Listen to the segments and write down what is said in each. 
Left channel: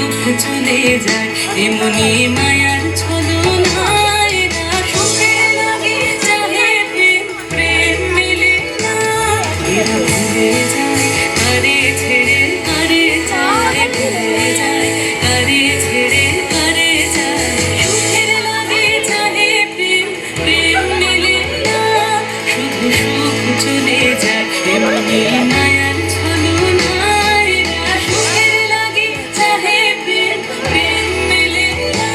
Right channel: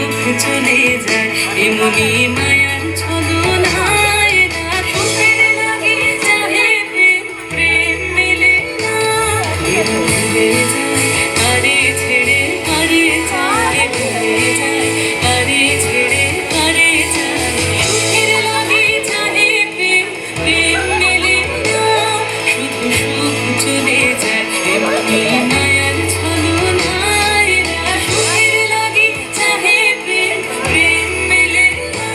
সুখ চলে যায় এমনি মায়ার ছলনায় সুখের লাগে চাহে প্রেম প্রেম মেলে না এরা ভুলে যায় কারে ছেড়ে কারে যায় ভুলে যায় কারে ছেড়ে কারে যায় সুখের লাগে চাহে প্রেম প্রেম মেলে না শুধু সুখ চলে যায় এমনি মায়ার ছলনায় সুখের লাগে চাহে প্রেম প্রেম মেলে না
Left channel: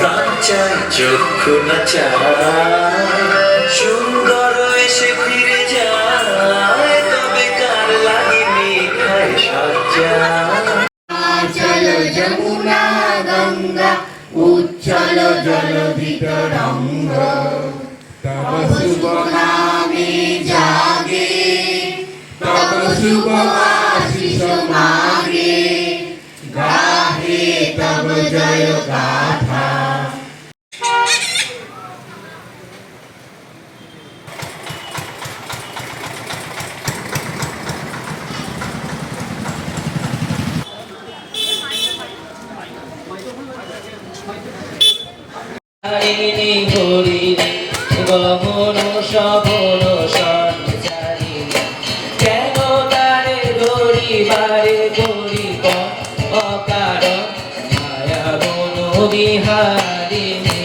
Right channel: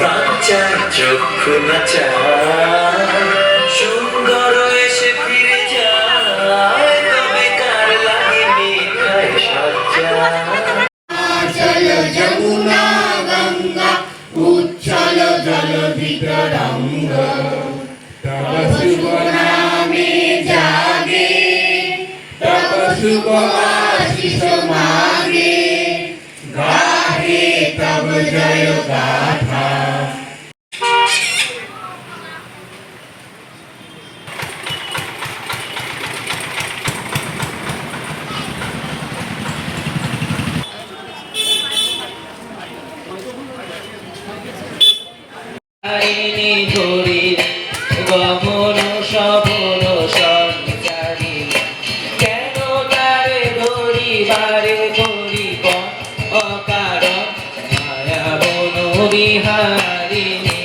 বাচ্চার চক্ষু নাচায় সুন্দর এসে ফিরে যায় তবে কার লাগে মিঠাই সজ্জা চলো যমুনা গঙ্গা উচ্ছল জল বিতরঙ্গ তব শুভ নামে জাগে তব শুভ আশিস মাগে গাহে তব জয় গাথা হরিণী হরি গহন সবন সঞ্চারী কেন তারে ধরিবারে ধরিব অকারণ মায়া বন বিহারিণী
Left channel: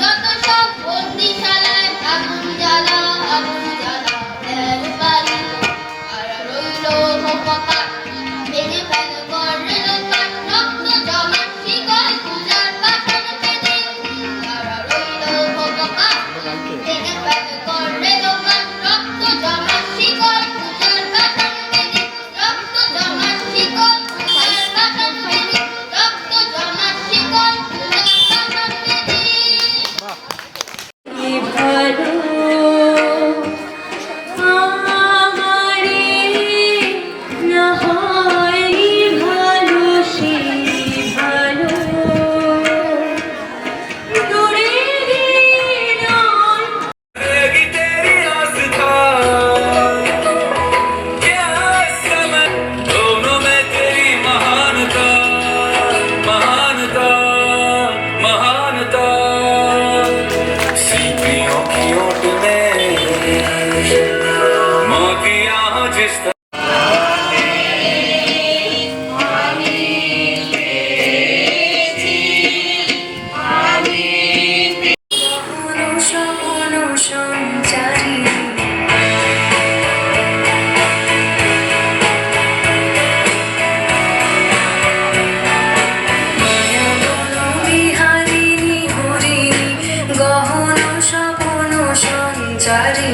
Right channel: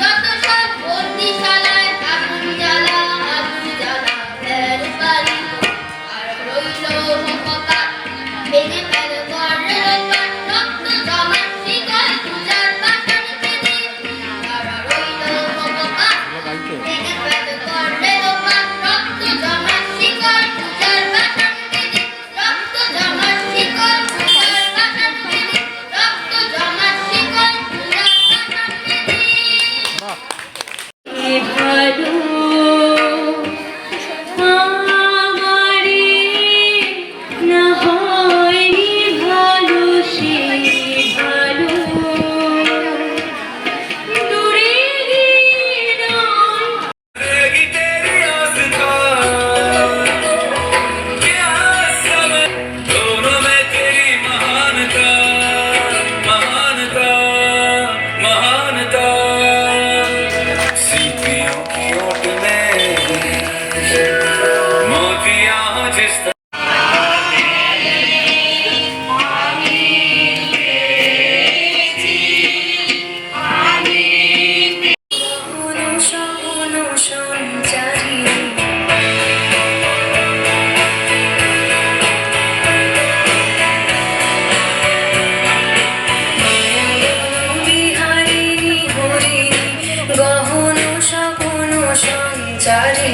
যত সব বন্দিশালায় আগুন জ্বালা তেরো বাড়ি আর রইল হপকা বেঁধে ফেল করে রক্ত জমা শিকল পূজার বাসন বেঁধে আর রইল হপকা বেঁধে ফেল করে রক্ত জমা শিকল পূজার বাসন বেঁধে রক্ত জমা শিকল পূজার বাসন বেঁধে রক্ত জমা শিকল পূজার বাসন বেঁধে ভালো আমারে না হয়নি ভালো সে ভালো তোরে দিন रहेगी तेरी आस्था क्या समय दोनों में तेरी महानता महानता महानता सीपियों की ओट में मोतियां जिस স্বপ্ন সঞ্চারী বিহারিণী হরিণী গহন স্বপ্ন সঞ্চারী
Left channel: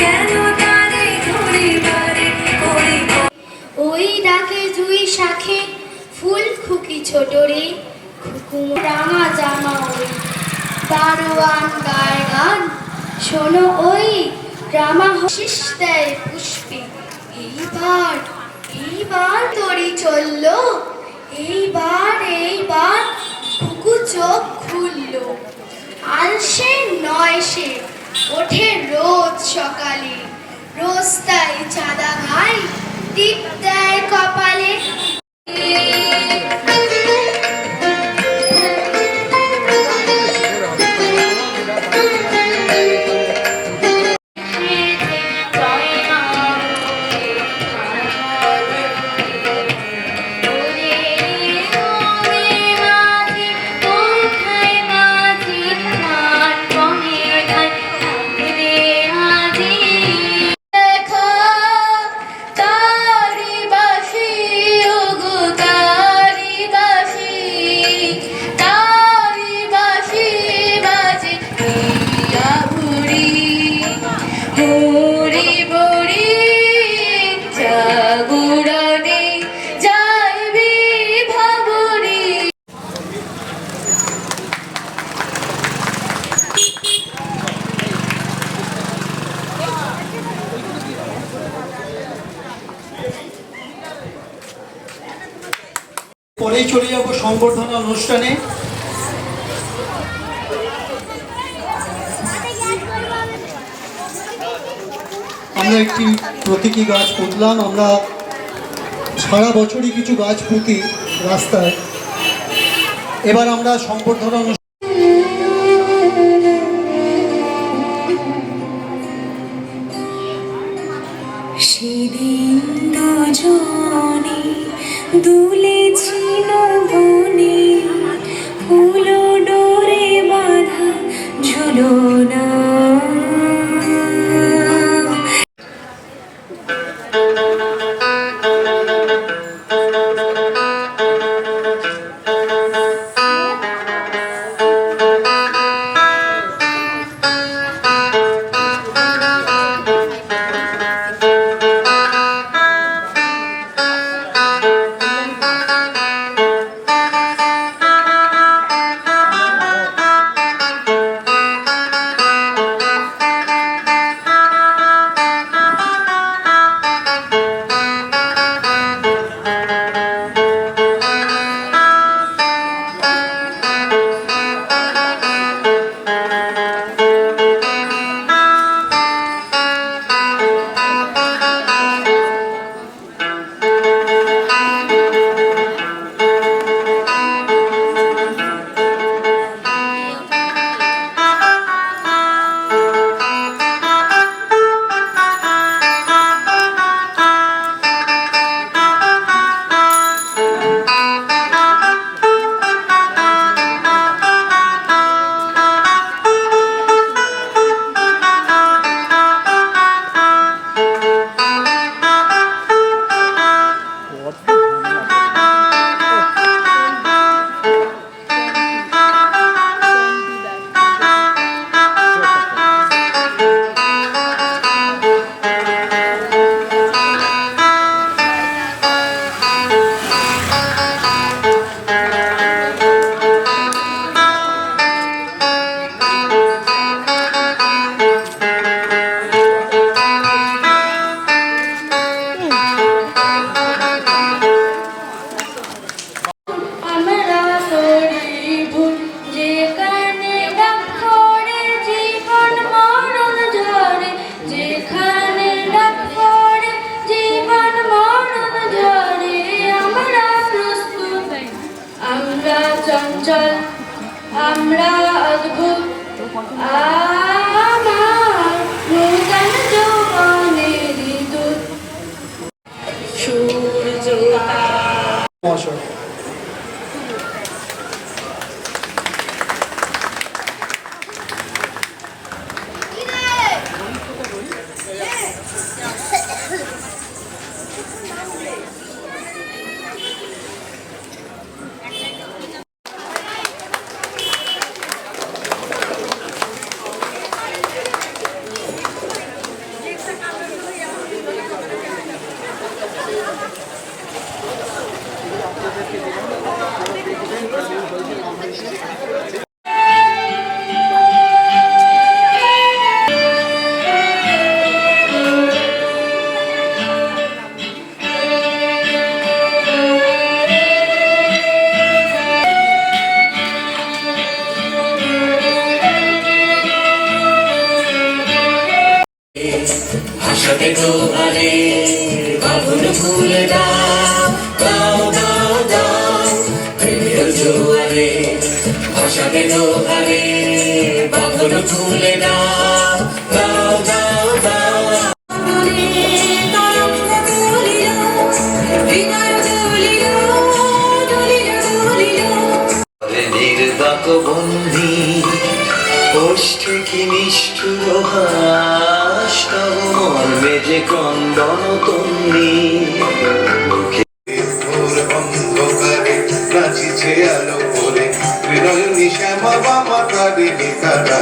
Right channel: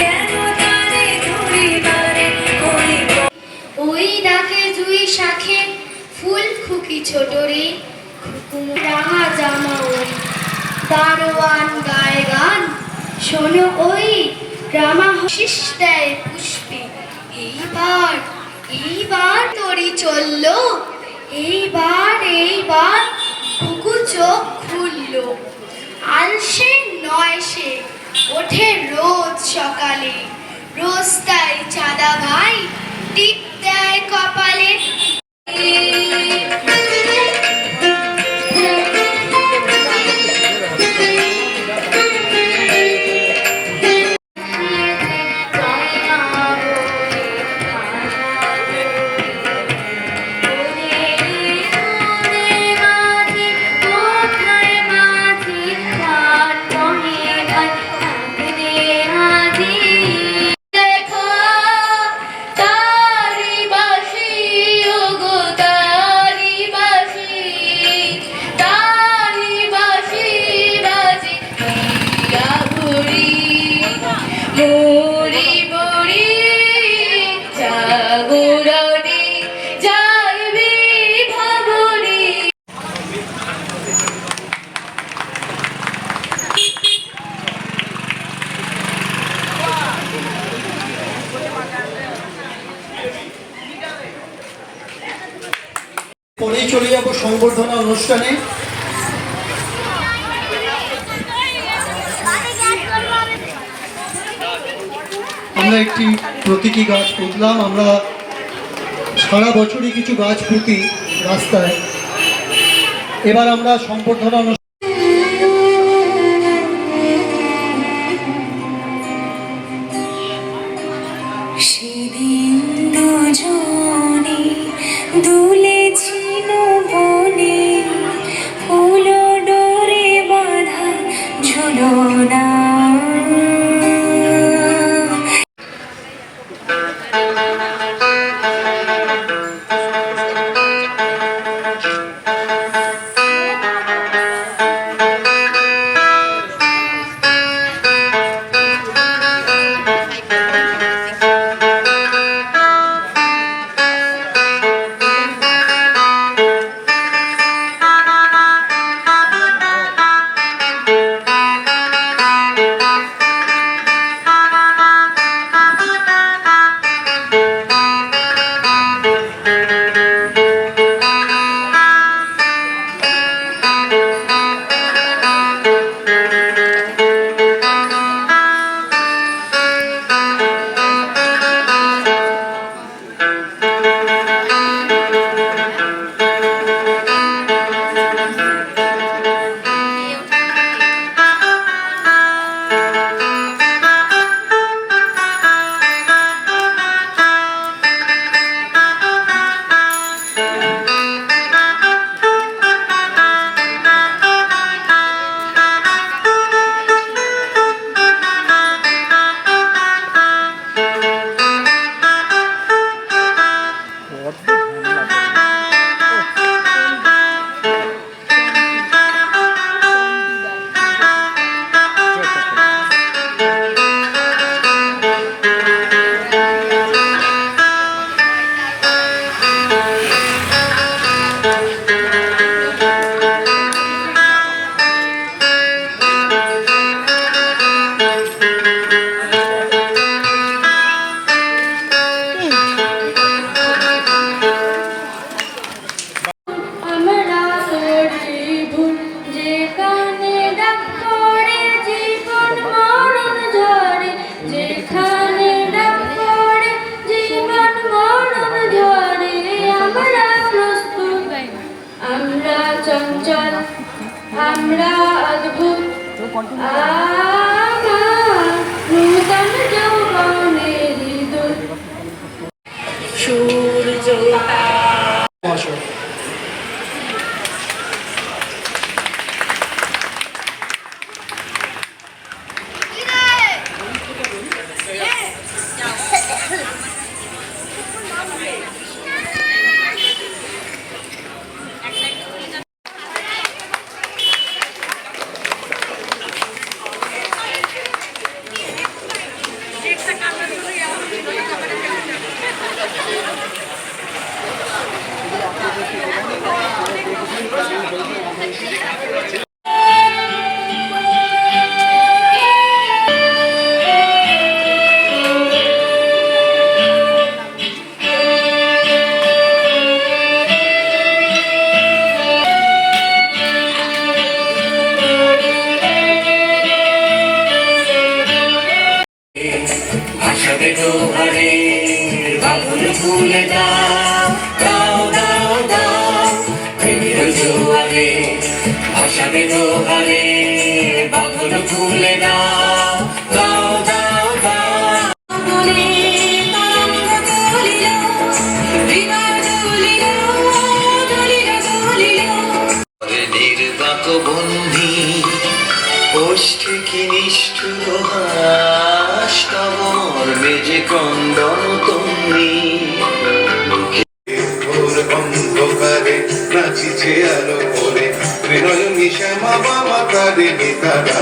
কেন তারে ধরিবারে ধরিব ওই ডাকে জুই শাখে ফুল খুকি ছোট রে রাঙা জামা ওই দারোয়ান গায়ে গান শোনো ওই রামা শীষ দেয় পুষ্পে এইবার তরি চললো এইবার খুকু চোখ খুললো আলসে নয় সে ওঠে রোজ সকালে রোজ তাই চাঁদা ভাই টিপ দেয় কপালে দেখো তারি বাসি ওগো তারি বাসি বাজে হীরা ভুরি ভুরি ভুরি জাগরণে যাইবি ভাবরি পরেই চলে যাব সংবর্ধনা অনুষ্ঠানে। আমরা একটি প্রতীকী গাছ পুঁতলাম। আমরা সারা বছরই কিছু গাছ পুঁতি রাস্তায়। এবার আমরা সম্বর্ধনা সেদিন দুজনে দুলেছিল বনে, ফুল ডোরে বাঁধা ঝুলনা। আমরা করি ভুল, যেখানে ডাক করে জীবন মরণ ঝরে, যেখানে ডাক করে জীবন মরণ ঝরে। আমরা প্রস্তুত, আমরা চঞ্চল, আমরা অদ্ভুত, আমার নূতন যৌবনের দূত। সূর্য মহাশয়। ভাসাবে দোহারে বাঁধন খুলে দাও, দাও দাও দাও প্রেমের জোয়ারে। ভাসাবে দোহারে বাঁধন খুলে দাও, দাও দাও দাও। নির্বাক বন্ধি ওষ্ঠে কি নিষ্ঠুর হাস, তব মর্মে যে ক্রন্দন তন্নি। ভোর অন্ধকারে নাচিছে আলো করে, হৃদয় শ্যামা বাবা কারে নিতারা।